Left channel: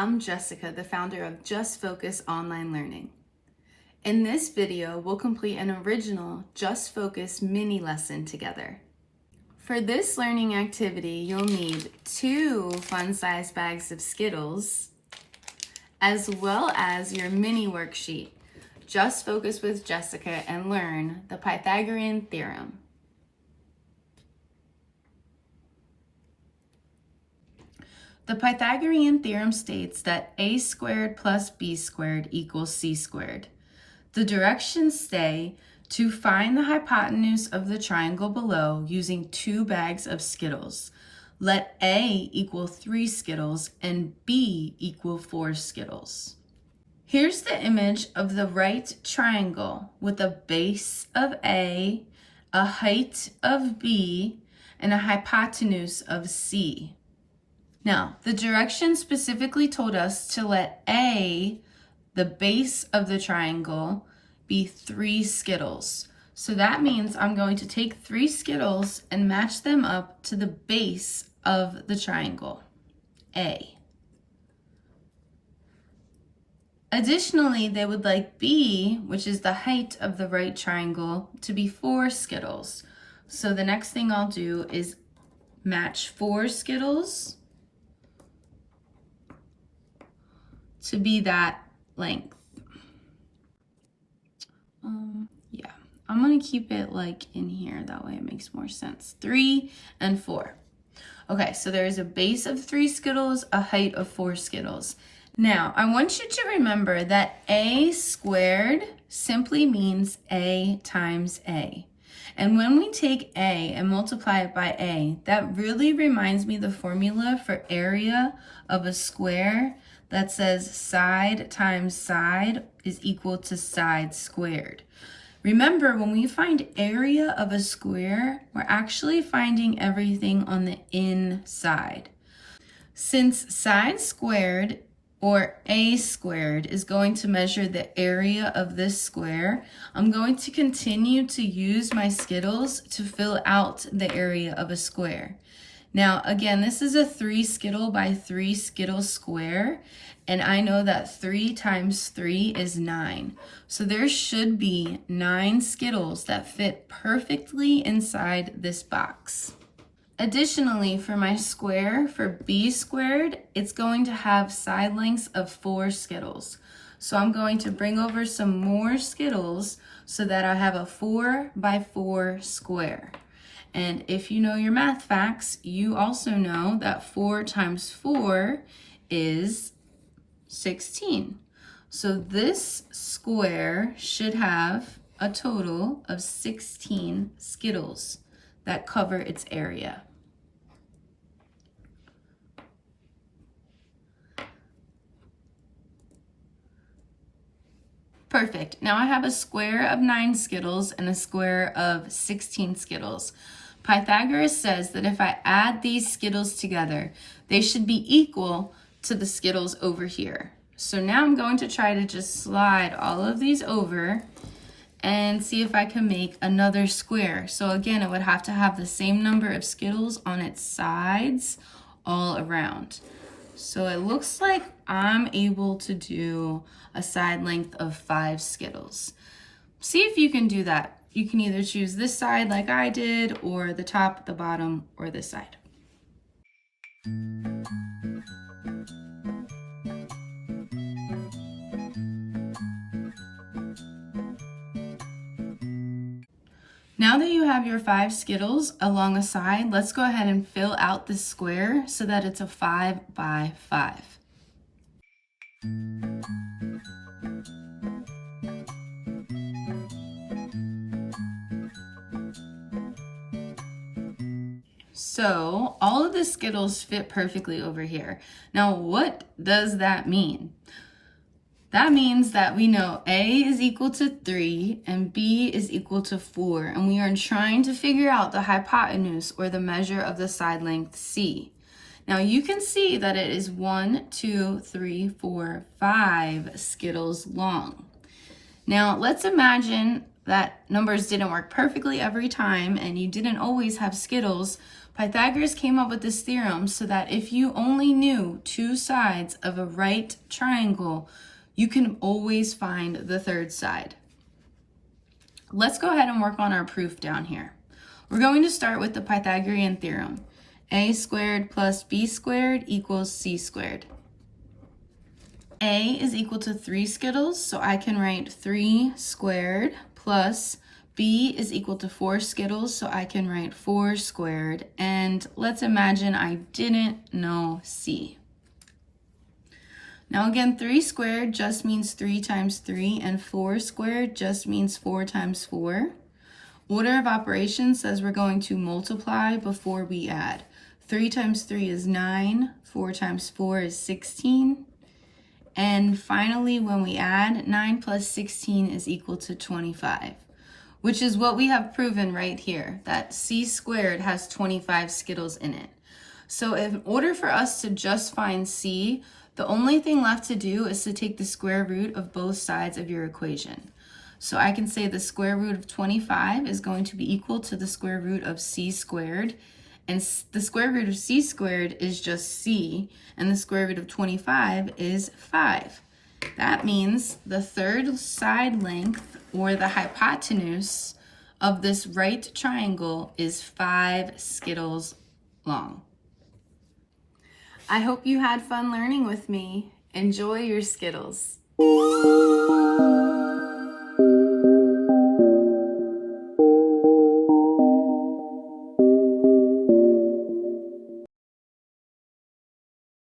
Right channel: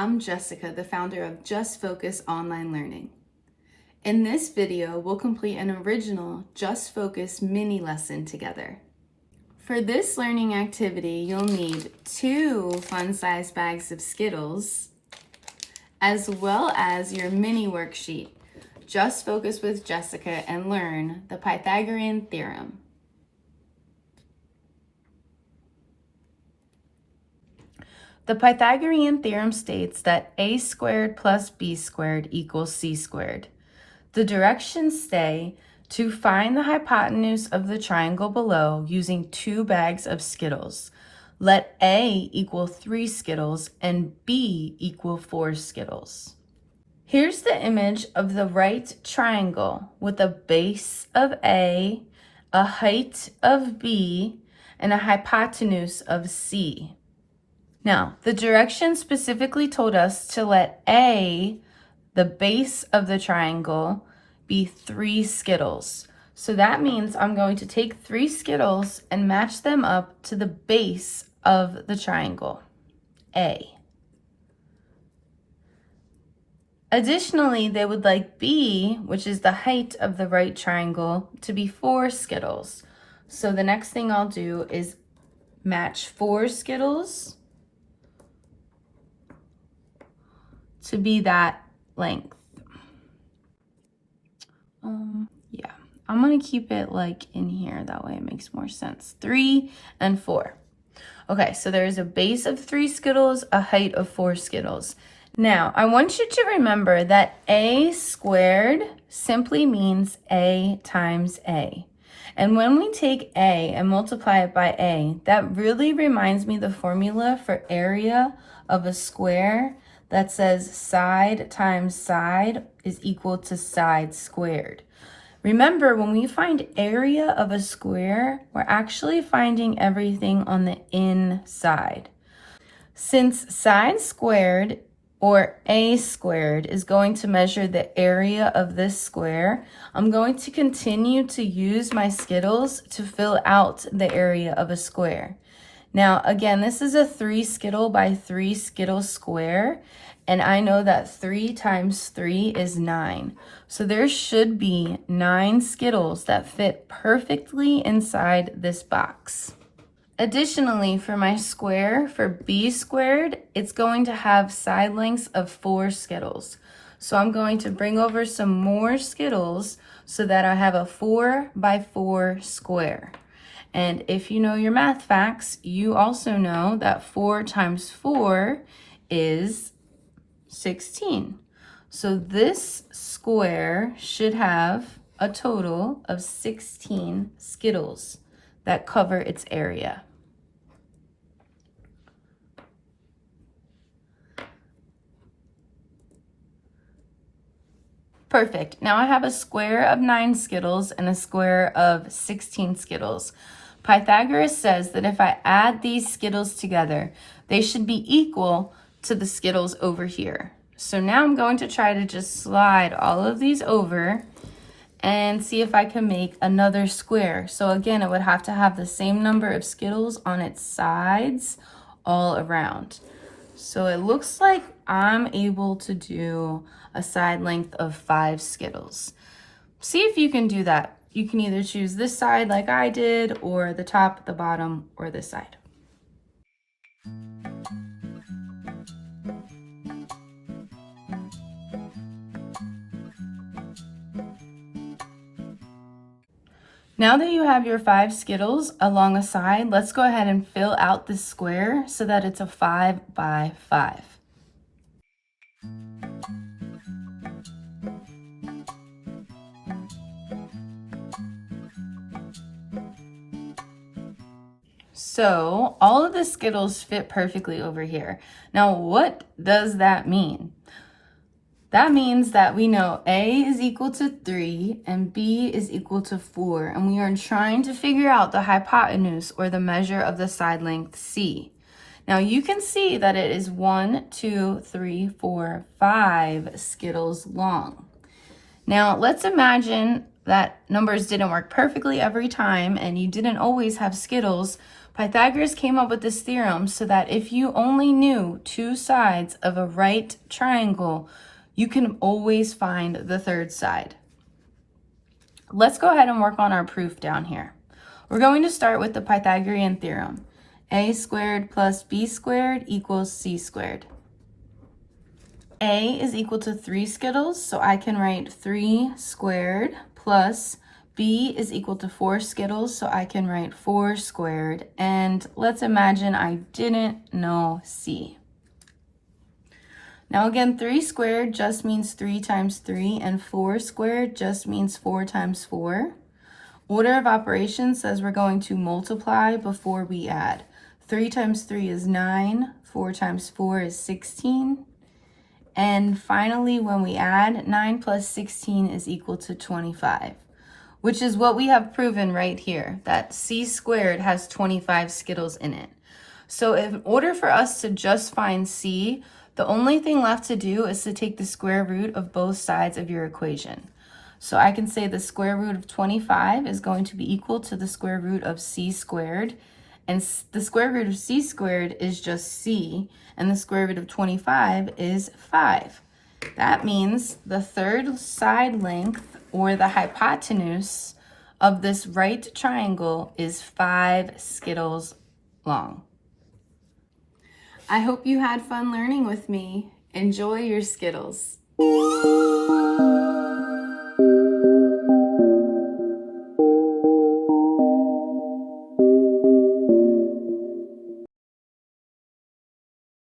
I'm Jessica, the founder of Just Focus Online Learning. In this video, we'll complete an original Just Focus mini lesson together. For this learning activity, you'll need 2 fun-sized bags of Skittles, as well as your mini worksheet, Just Focus with Jessica and learn the Pythagorean Theorem. The Pythagorean theorem states that a squared plus b squared equals c squared. The directions say to find the hypotenuse of the triangle below using 2 bags of Skittles. Let a equal 3 Skittles and b equal 4 Skittles. Here's the image of the right triangle with a base of a height of b, and a hypotenuse of c. Now, the directions specifically told us to let A, the base of the triangle, be 3 Skittles. So that means I'm going to take 3 Skittles and match them up to the base of the triangle, A. Additionally, they would like B, which is the height of the right triangle, to be 4 Skittles. So the next thing I'll do is match 4 Skittles to be that length. Yeah, I'm gonna keep it like in here, that way it makes more sense. 3 and 4. Okay, so there's a base of 3 Skittles, a height of 4 Skittles. Now, I want you to remember that a squared simply means a times a. And when we take a and multiply it by a, that really reminds me the formula for area of a square that says side times side is equal to side squared. Remember, when we find area of a square, we're actually finding everything on the inside. Since side squared, or a squared, is going to measure the area of this square, I'm going to continue to use my Skittles to fill out the area of a square. Now, again, this is a 3 Skittle by 3 Skittle square, and I know that 3 times 3 is 9. So there should be 9 Skittles that fit perfectly inside this box. Additionally, for my square, for b squared, it's going to have side lengths of 4 Skittles. So I'm going to bring over some more Skittles so that I have a 4 by 4 square. And if you know your math facts, you also know that 4 times 4 is 16. So this square should have a total of 16 Skittles that cover its area. Perfect. Now I have a square of 9 Skittles and a square of 16 Skittles. Pythagoras says that if I add these Skittles together, they should be equal to the Skittles over here. So now I'm going to try to just slide all of these over and see if I can make another square. So again, it would have to have the same number of Skittles on its sides all around. So it looks like I'm able to do a side length of 5 Skittles. See if you can do that. You can either choose this side like I did, or the top, the bottom, or this side. Now that you have your 5 Skittles along a side, let's go ahead and fill out this square so that it's a 5 by 5. So all of the Skittles fit perfectly over here. Now, what does that mean? That means that we know A is equal to 3 and B is equal to 4, and we are trying to figure out the hypotenuse, or the measure of the side length C. Now you can see that it is 1, 2, 3, 4, 5 Skittles long. Now let's imagine that numbers didn't work perfectly every time and you didn't always have Skittles. Pythagoras came up with this theorem so that if you only knew two sides of a right triangle, you can always find the third side. Let's go ahead and work on our proof down here. We're going to start with the Pythagorean theorem. A squared plus b squared equals c squared. A is equal to 3 Skittles, so I can write 3 squared plus b is equal to 4 Skittles, so I can write 4 squared. And let's imagine I didn't know c. Now again, 3 squared just means 3 times 3, and 4 squared just means 4 times 4. Order of operations says we're going to multiply before we add. 3 times 3 is 9, 4 times 4 is 16. And finally, when we add, 9 plus 16 is equal to 25, which is what we have proven right here, that c squared has 25 Skittles in it. So in order for us to just find c, the only thing left to do is to take the square root of both sides of your equation. So I can say the square root of 25 is going to be equal to the square root of c squared, and the square root of c squared is just c, and the square root of 25 is 5. That means the third side length, or the hypotenuse, of this right triangle is 5 Skittles long. I hope you had fun learning with me. Enjoy your Skittles.